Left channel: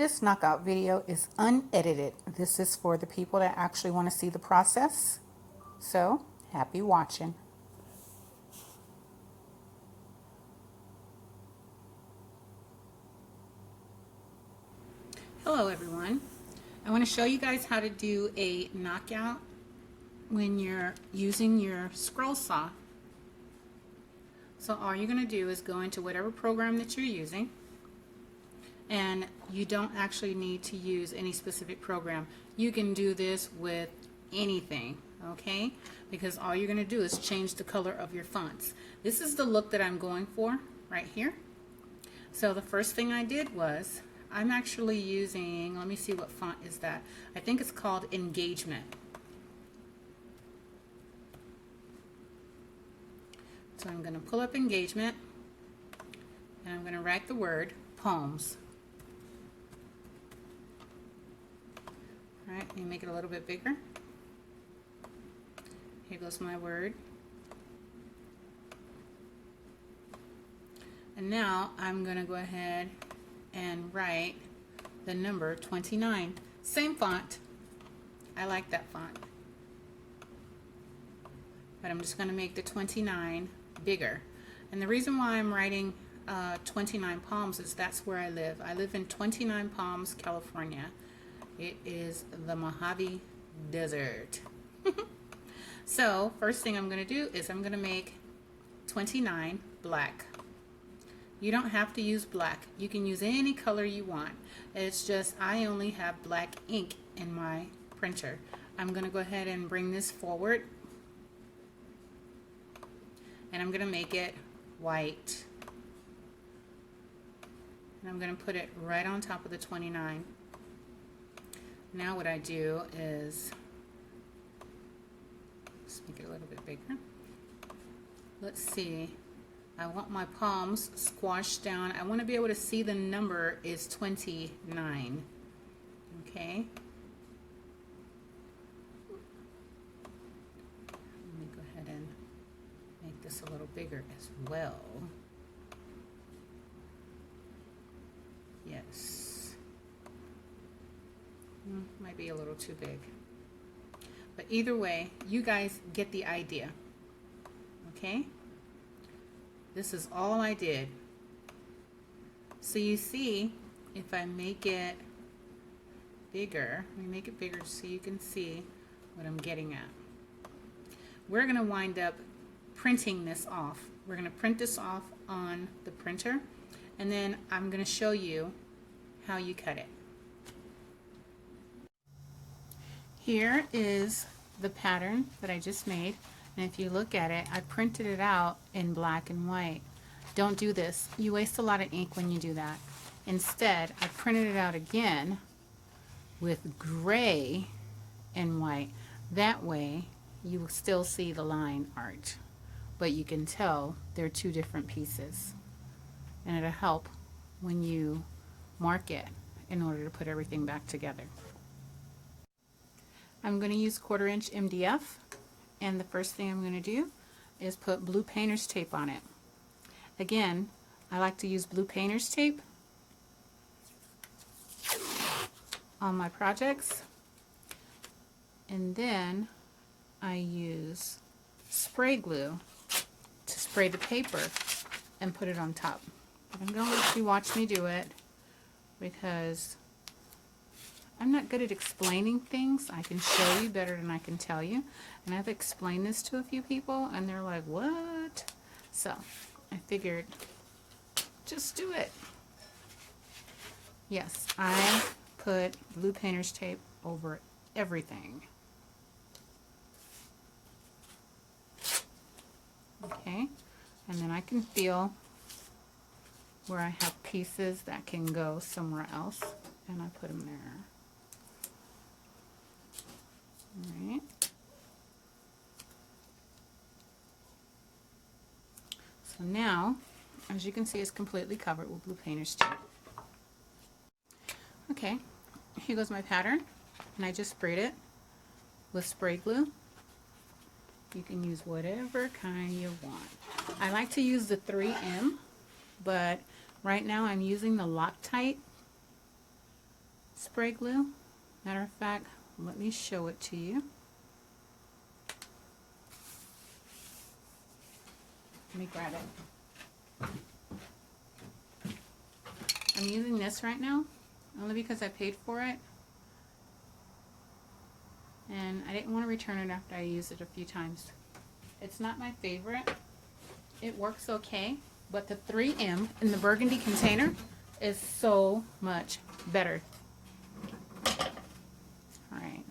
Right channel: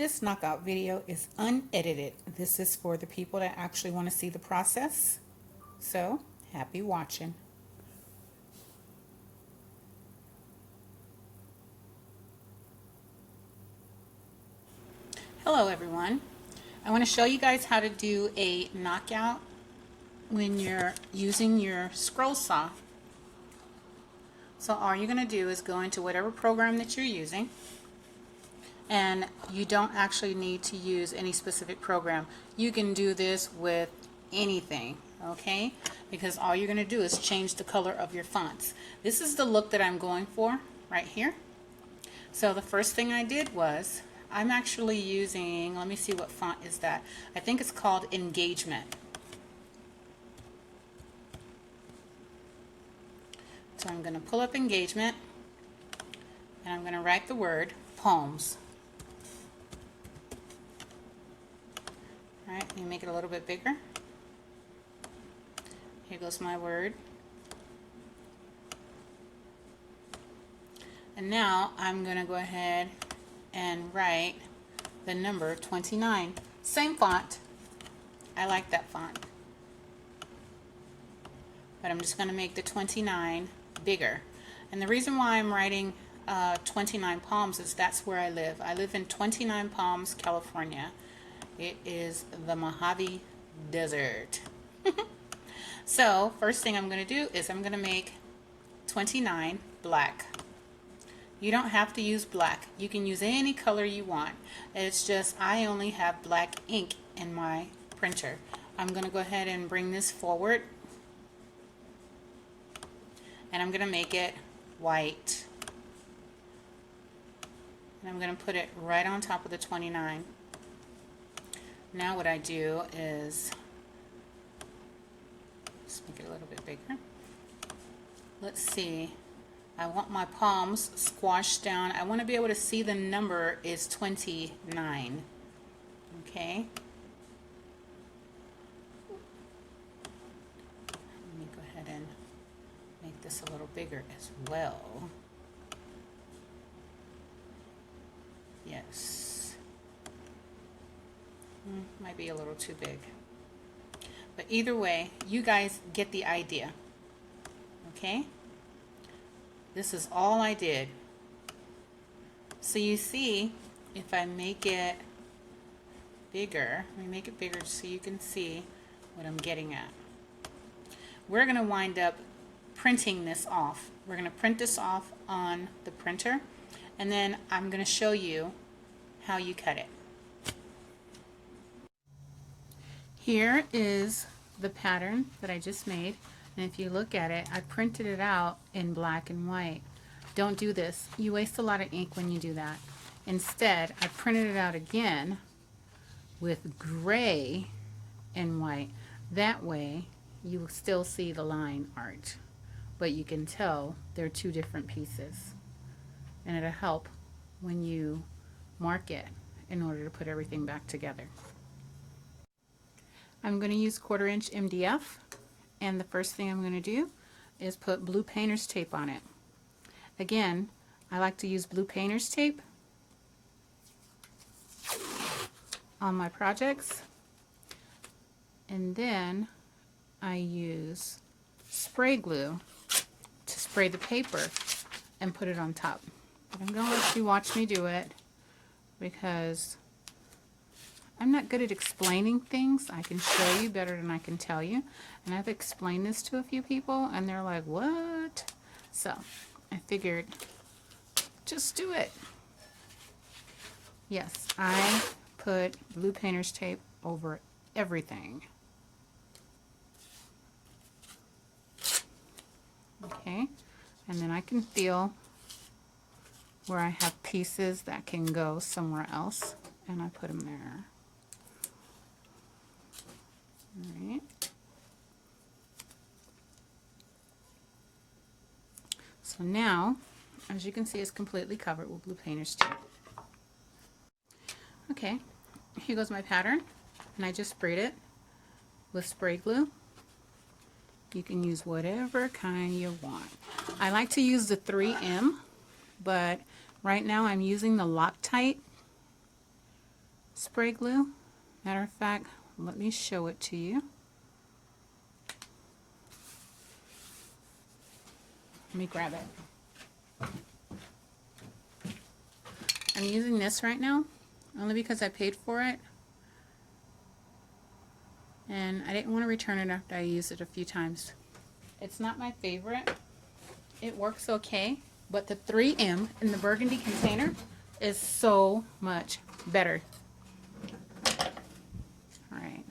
This knockout video is unedited. This is for the people that actually want to see the process. So, happy watching. Hello everyone. I want to show you guys how to do a knockout when you're using your scroll saw. So all you're going to do is go into whatever program that you're using. And you don't actually need to use any specific program. You can do this with anything, okay? Because all you're going to do is change the color of your fonts. This is the look that I'm going for right here. So the first thing I did was, I'm actually using, let me see what font is that. I think it's called Engagement. So I'm going to pull up Engagement, and I'm going to write the word Poems. All right, let me make it a little bit bigger. Here goes my word. And now I'm going to go ahead and write the number 29. Same font. I like that font. But I'm just going to make the 29 bigger. And the reason why I'm writing 29 Palms is that's where I live. I live in 29 Palms, California. It is the Mojave Desert. So first thing I'm going to do is I'm going to make 29 black. You don't have to use black. You can use any color you want. It's just I only have black ink in my printer. I'm going to go ahead and bring this forward. And I'm going to make it white. And I'm going to put it right on top of the 29. Now what I do is, let's make it a little bit bigger. Let's see. I want my palms squashed down. I want to be able to see the number is 29. Okay. Let me go ahead and make this a little bigger as well. Yes. Might be a little too big. But either way, you guys get the idea. Okay? This is all I did. So you see, if I make it bigger, let me make it bigger so you can see what I'm getting at. We're going to wind up printing this off. We're going to print this off on the printer, and then I'm going to show you how you cut it. Here is the pattern that I just made, and if you look at it, I printed it out in black and white. Don't do this. You waste a lot of ink when you do that. Instead, I printed it out again with gray and white. That way, you will still see the line art, but you can tell they're two different pieces, and it'll help when you mark it in order to put everything back together. I'm going to use 1/4 inch MDF, and the first thing I'm going to do is put blue painter's tape on it. Again, I like to use blue painter's tape on my projects, and then I use spray glue to spray the paper and put it on top. But I'm going to let you watch me do it because I'm not good at explaining things. I can show you better than I can tell you. And I've explained this to a few people and they're like, what? So I figured, just do it. Yes, I put blue painter's tape over everything. Okay, and then I can feel where I have pieces that can go somewhere else, and I put them there. Alright. So now, as you can see, it's completely covered with blue painter's tape. Okay, here goes my pattern, and I just sprayed it with spray glue. You can use whatever kind you want. I like to use the 3M, but right now I'm using the Loctite spray glue. Matter of fact, let me show it to you. Let me grab it. I'm using this right now only because I paid for it, and I didn't want to return it after I used it a few times. It's not my favorite. It works okay, but the 3M in the burgundy container is so much better. All right.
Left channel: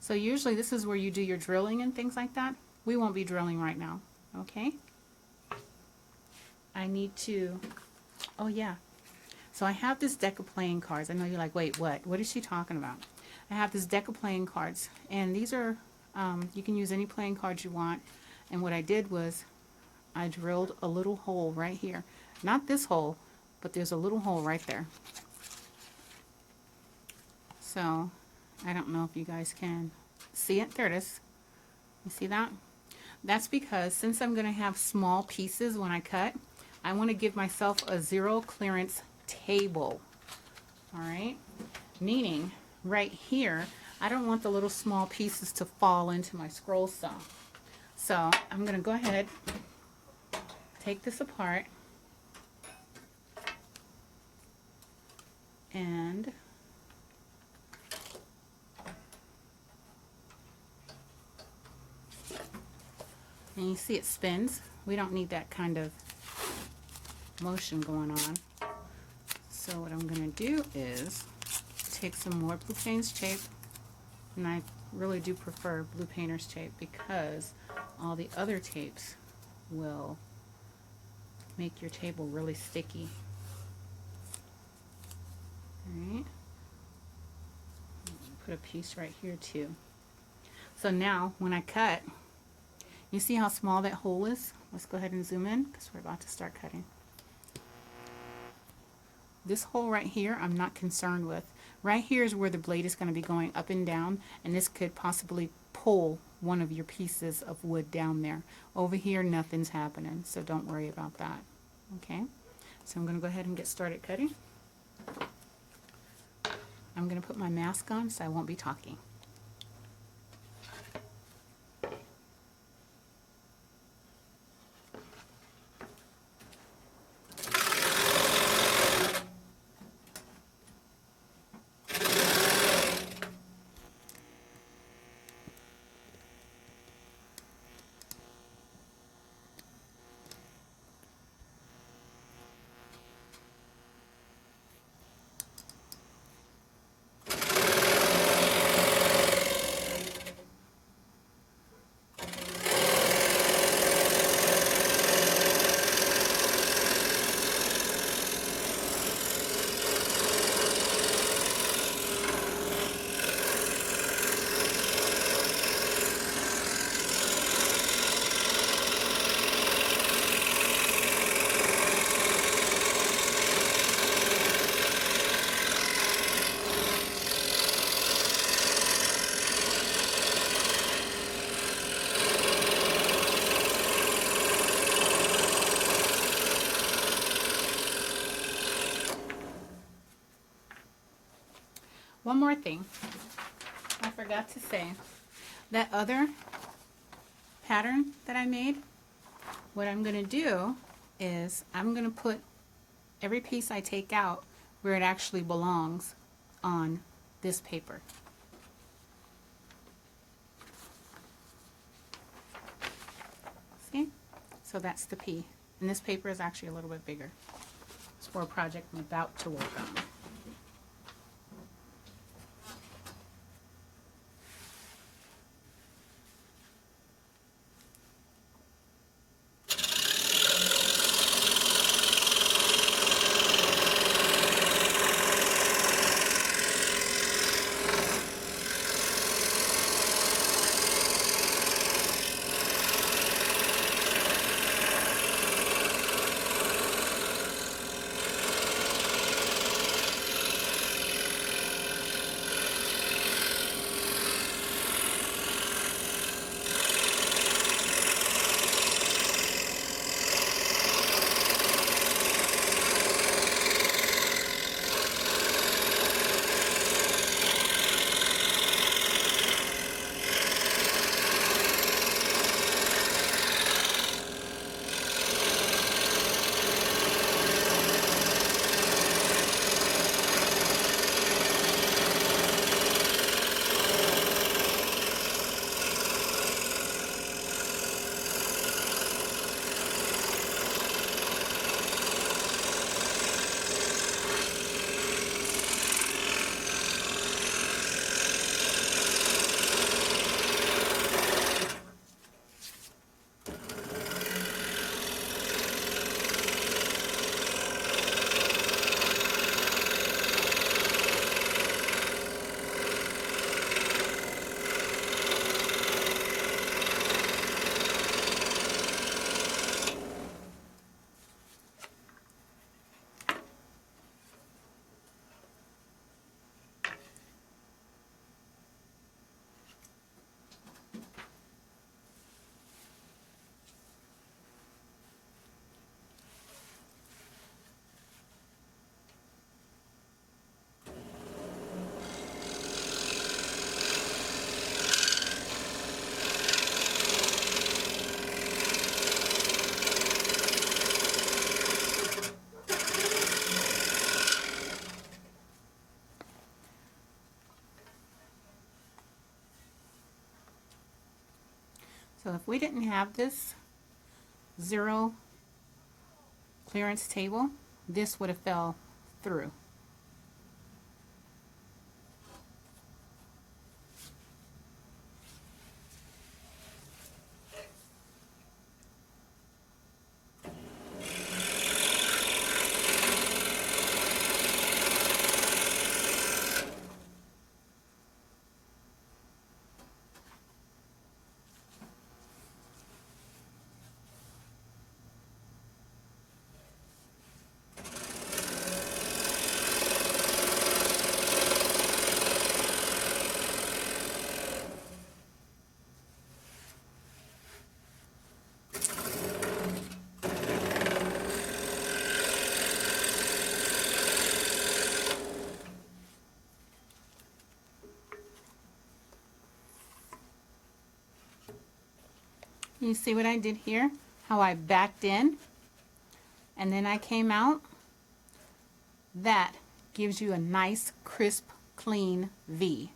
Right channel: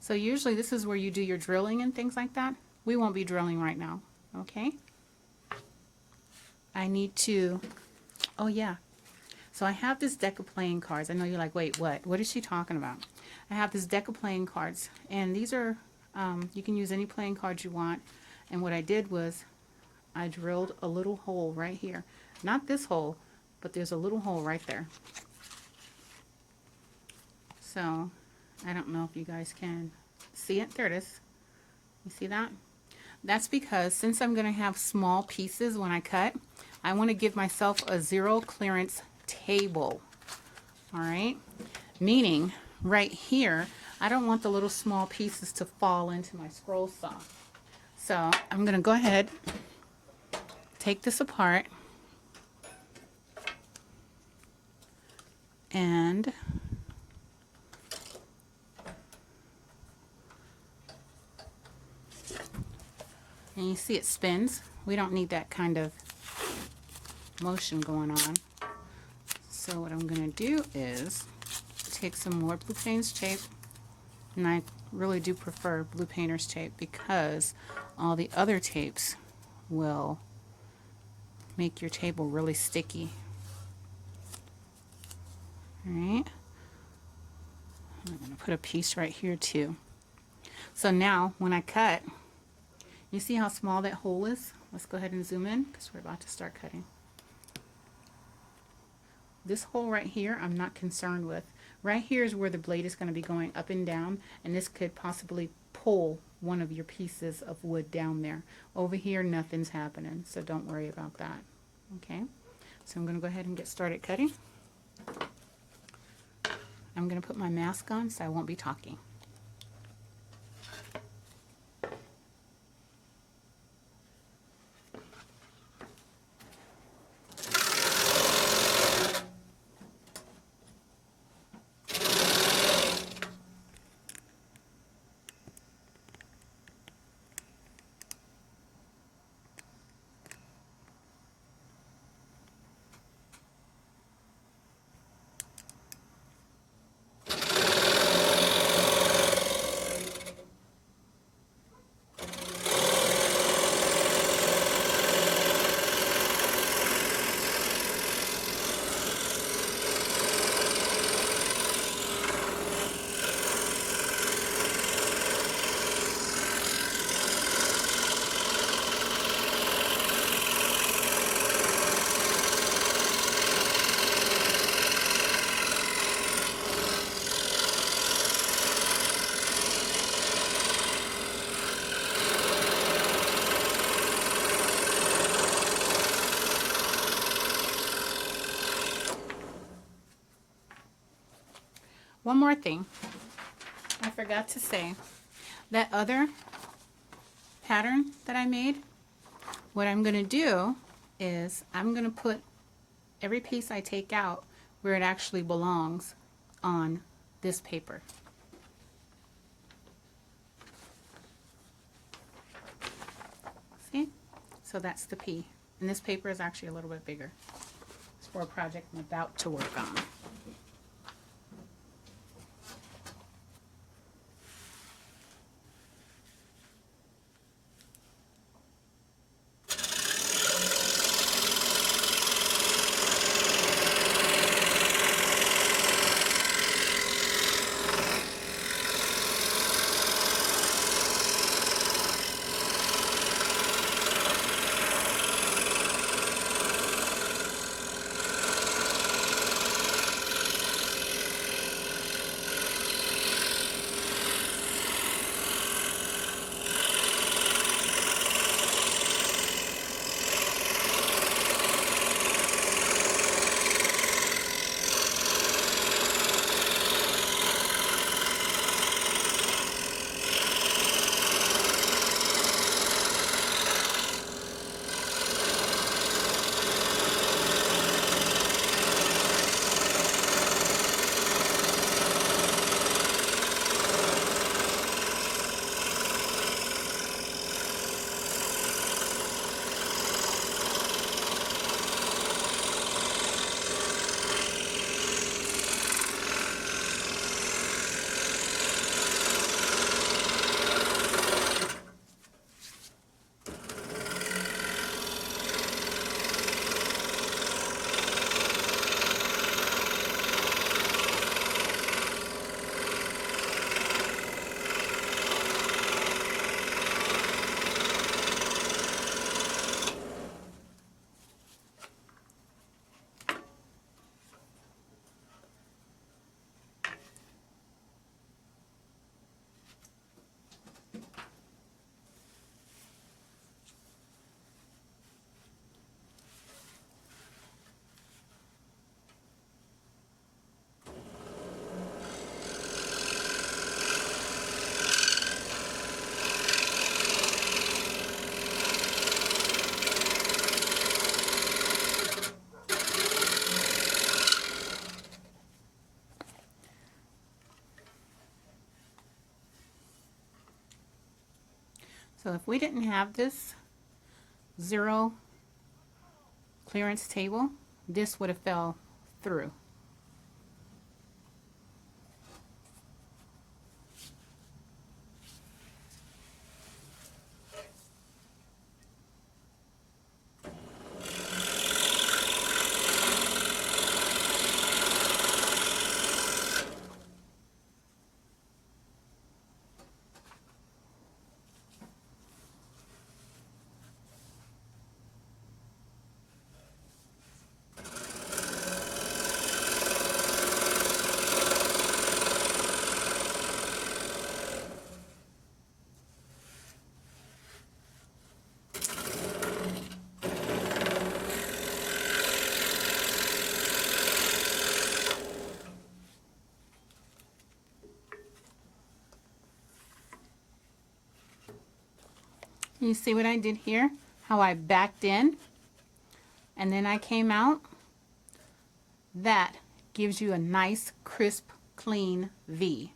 So usually this is where you do your drilling and things like that. We won't be drilling right now, okay? I need to, oh yeah. So I have this deck of playing cards. I know you're like, wait, what? What is she talking about? I have this deck of playing cards, and these are, you can use any playing cards you want. And what I did was I drilled a little hole right here. Not this hole, but there's a little hole right there. So I don't know if you guys can see it. There it is. You see that? That's because since I'm going to have small pieces when I cut, I want to give myself a zero clearance table. All right? Meaning right here, I don't want the little small pieces to fall into my scroll saw. So I'm going to go ahead, take this apart, and you see it spins. We don't need that kind of motion going on. So what I'm going to do is take some more blue painter's tape, and I really do prefer blue painter's tape because all the other tapes will make your table really sticky. Alright, I'm going to put a piece right here too. So now when I cut, you see how small that hole is? Let's go ahead and zoom in because we're about to start cutting. This hole right here I'm not concerned with. Right here is where the blade is going to be going up and down, and this could possibly pull one of your pieces of wood down there. Over here nothing's happening, so don't worry about that. Okay, so I'm going to go ahead and get started cutting. I'm going to put my mask on so I won't be talking. One more thing I forgot to say. That other pattern that I made, what I'm going to do is I'm going to put every piece I take out where it actually belongs on this paper. See? So that's the P. And this paper is actually a little bit bigger. It's for a project I'm about to work on. So if we didn't have this zero clearance table, this would have fell through. You see what I did here? How I backed in and then I came out? That gives you a nice, crisp, clean V.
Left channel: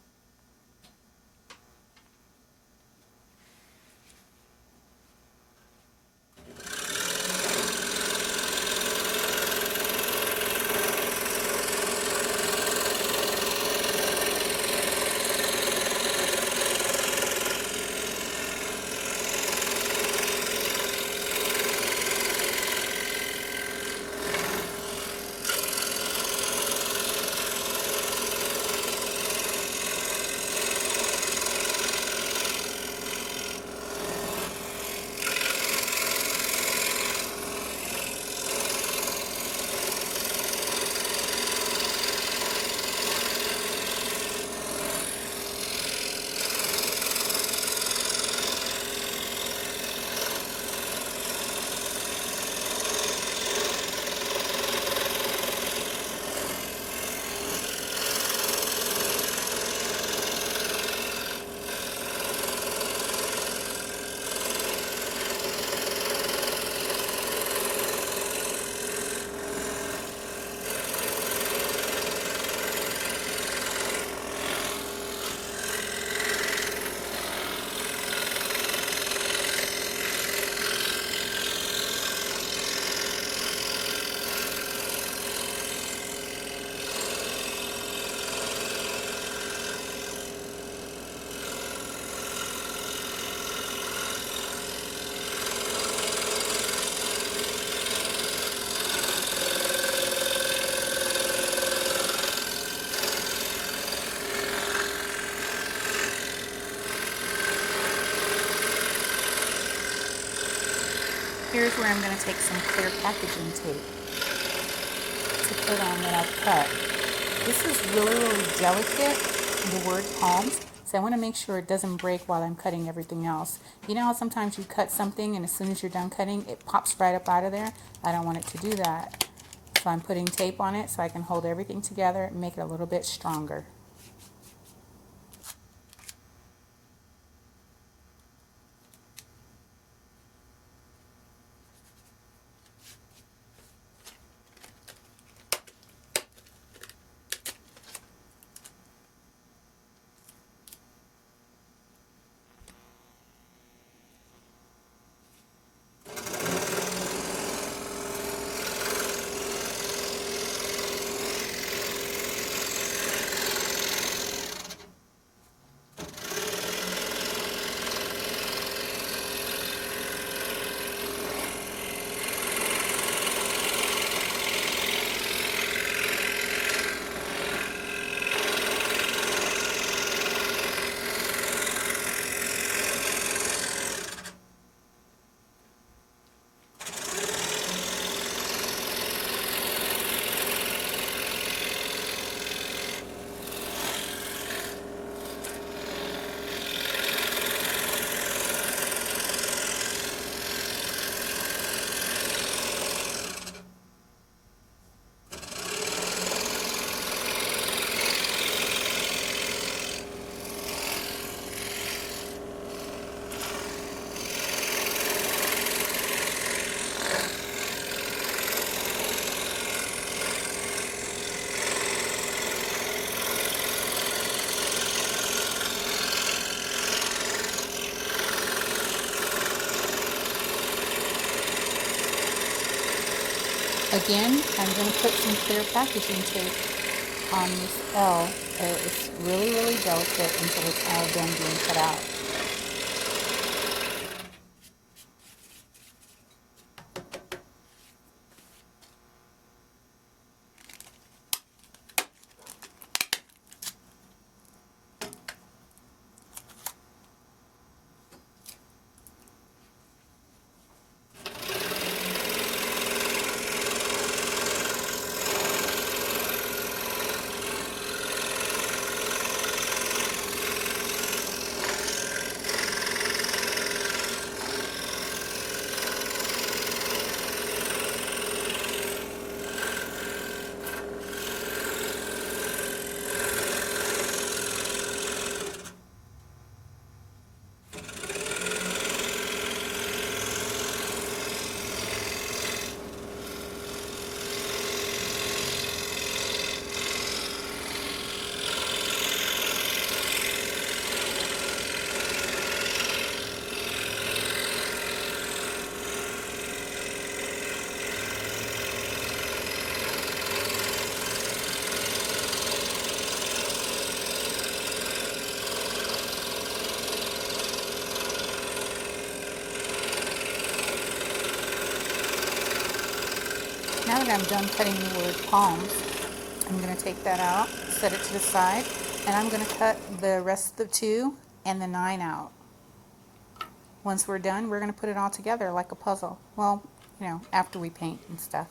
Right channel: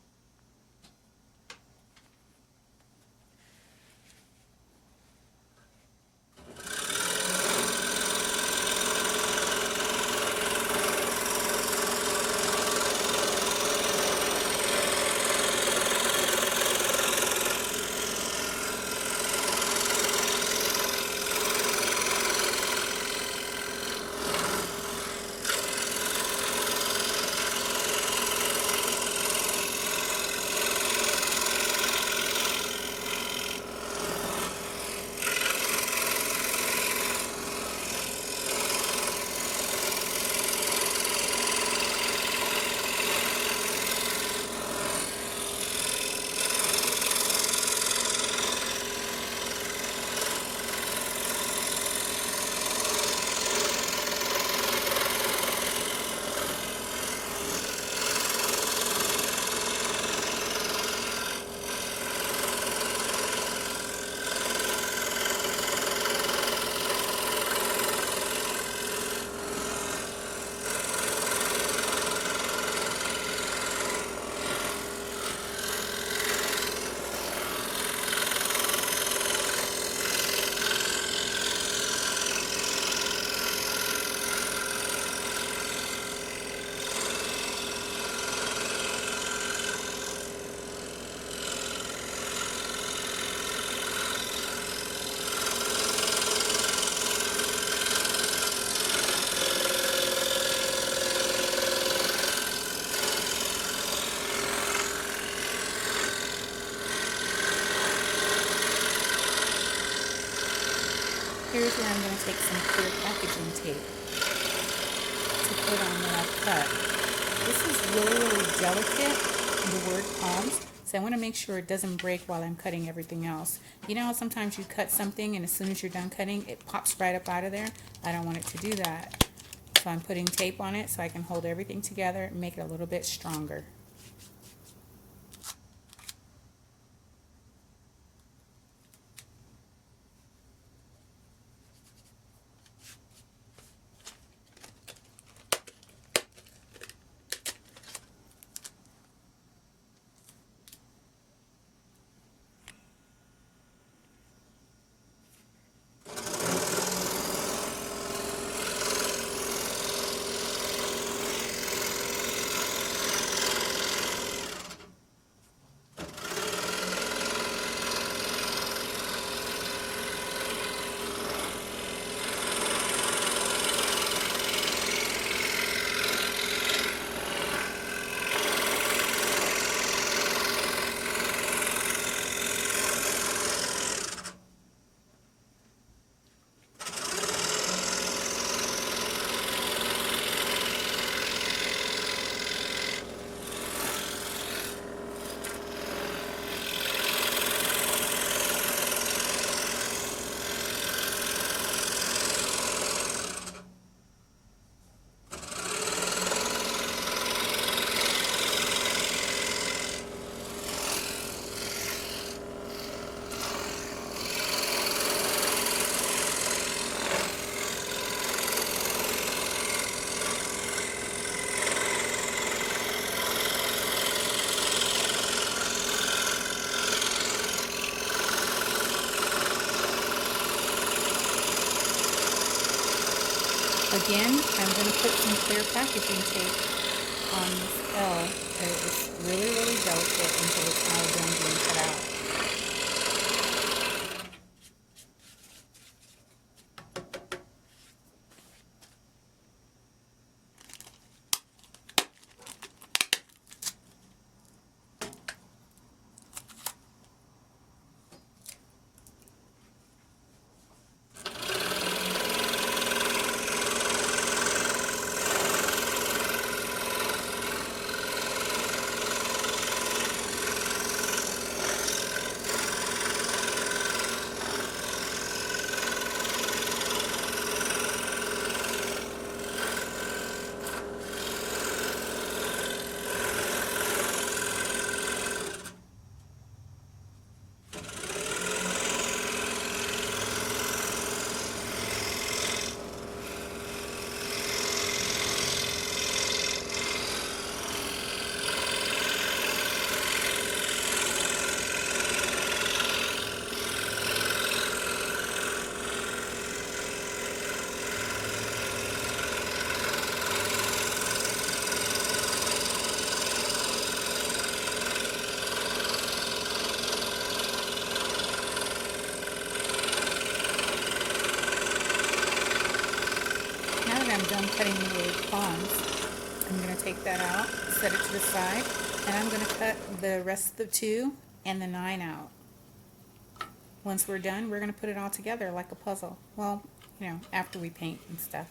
Here's where I'm going to take some clear packaging tape to put on what I've cut. This is really, really delicate, the word palms, so I want to make sure it doesn't break while I'm cutting everything else. You know how sometimes you cut something and as soon as you're done cutting, it pops right up out of there? I don't want it to do that. So I'm putting tape on it so I can hold everything together and make it a little bit stronger. Again, I'm going to put some clear packaging tape on this L. It's really, really delicate until it's all done being cut out. Now that I'm done cutting the word palms, I'm going to take that out, set it to the side, and I'm going to cut the rest of the 2 and the 9 out. Once we're done, we're going to put it all together like a puzzle. Well, you know, after we paint and stuff.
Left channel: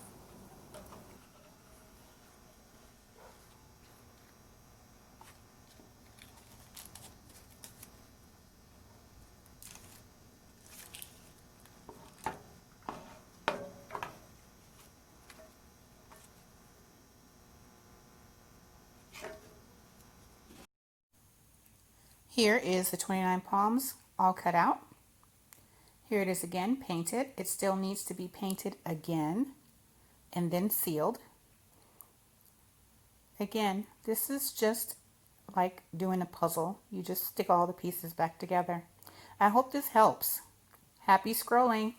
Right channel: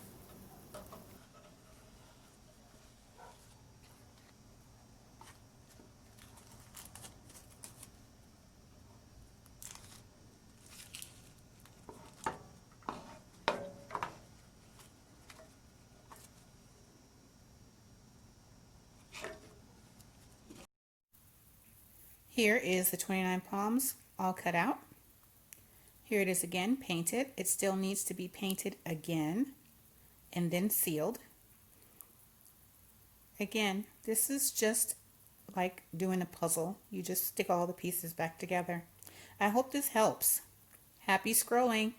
Here is the 29 palms all cut out. Here it is again, painted. It still needs to be painted again and then sealed. Again, this is just like doing a puzzle. You just stick all the pieces back together. I hope this helps. Happy scrolling!